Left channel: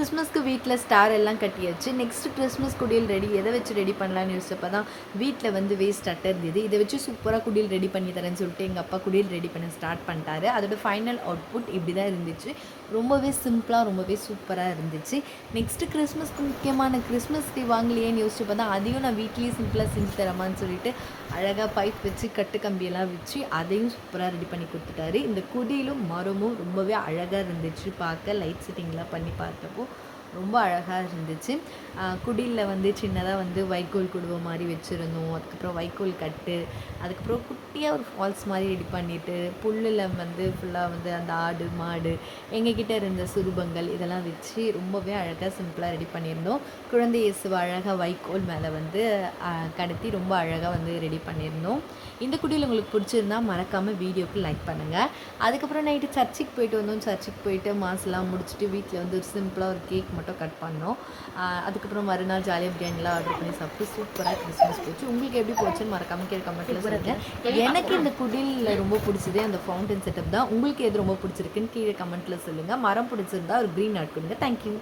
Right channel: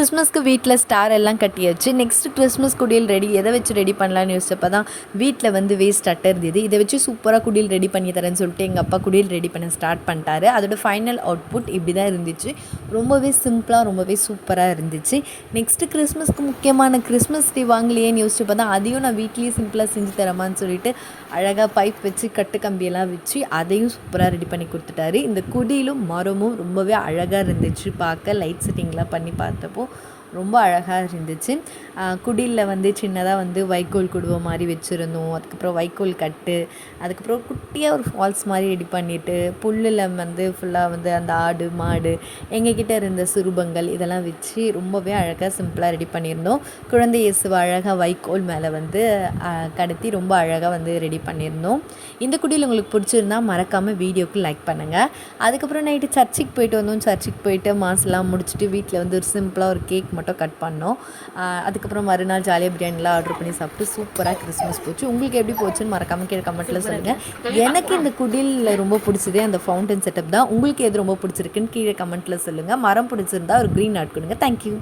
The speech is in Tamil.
கிறிஸ்மஸ்க்கு வீட்டில் ஸ்டார் எல்லாம் கட்டியாச்சு. நெக்ஸ்ட் கிறிஸ்மஸ் குடியல் ரெடி எதை வச்சு ரெடி பண்ணலான்னு யோசிச்சப்போ தான் வீட்டில் வந்து வேஸ்ட் அட்டை இருந்தது. இதை வச்சு சூப்பராக குடியல் ரெடி பண்ணி தரேன்னு சொல்லிட்டு எங்கள் அப்பா குடியல் ரெடி பண்ண ஸ்டார்ட் பண்ணிட்டாரு. அதோட ஃபைனல் அவுட்புட் இப்படி தான் இருந்துச்சு. ரொம்பவே சிம்பிளாக ரொம்பவே சூப்பராக இருந்துச்சு. நெக்ஸ்ட்டு கிறிஸ்மஸ்க்கு முக்கியமான கிறிஸ்மஸ் ட்ரீ வாங்கலையேன்னு யோசிச்சப்போ தான் அதையும் நான் வீட்லேயே சிம்பிளாக செஞ்சு தரமான்னு சொல்லிட்டு அழகாக பைப் வச்சு கட்டு கம்பியெல்லாம் வச்சு அதையும் சூப்பராக ரெடி பண்ணி கொடுத்துட்டாரு. இந்த குடியிலும் மரமும் ரொம்பவே அழகாக இருந்துச்சு. பார்க்க லைட் செட்டிங்லாம் பண்ணி பார்த்தப்போ ரொம்ப அழகாக இருந்துச்சு. குடியில் வந்து சின்னதாக வந்து வைக்கோல் குடுவை மாதிரி வச்சுருந்தோம். அதுக்கப்புறம் வைக்கோல் கட்டு, அதுக்கப்புறம் குட்டியாக ஒரு ஃபால்ஸ் மாதிரி ரெடி பண்ணிவிட்டு புல்லில் வந்து ஃபுல்லாக வந்து அந்த ஆடு மாடு எங்ககிட்ட இருந்த சுரூபங்கள் இதெல்லாம் வச்சு ரொம்பவே அழகாக சிம்பிளாக ரெடி பண்ணியிருந்தோம். குழந்தை இயேசுவை அழகாக வைக்கோல் மேலே வந்து கடத்தி ரொம்ப அழகாக வந்து ரெடி பண்ணியிருந்தோம். இந்த குடியில் உங்களுக்கு பிடிச்சிருந்தா மறக்காமல் வீடியோக்கு லைக் பண்ணுங்கள். அதுக்கப்புறம் நைட்டு சர்ச்சுக்கு போயிட்டு வந்தோம். சர்ச்சுக்கு போயிட்டு மாஸ்லாம் முடிச்சுட்டு வீட்டில் வந்து ஒரு சிம்பிளாக ஒரு கேக் மட்டும் கட் பண்ணோம். அதுக்கப்புறம் மறுநாள் ஜாலியாக பிரியாணிலாம் ஆர்டர் பண்ணி சாப்பிட்டு சூப்பராக கிறிஸ்மஸ் போச்சு. உங்களுக்கு எப்படி போச்சுன்னு மறக்காமல் கீழே கமெண்ட்டில் சொல்லுங்கள். எனக்கு இந்த குடிலில் ரொம்ப பிடிச்சதே அந்த ஃபவுண்டன் செட்டப் தான். உங்களுக்கு எது ரொம்ப பிடிச்சிருக்குன்னு கீழே கமெண்ட்டில் சொல்லுங்கள். மரம் பிடிச்சிருந்தா ஒரு க்ரீன் ஆட் கொடுங்க. தேங்க்யூ.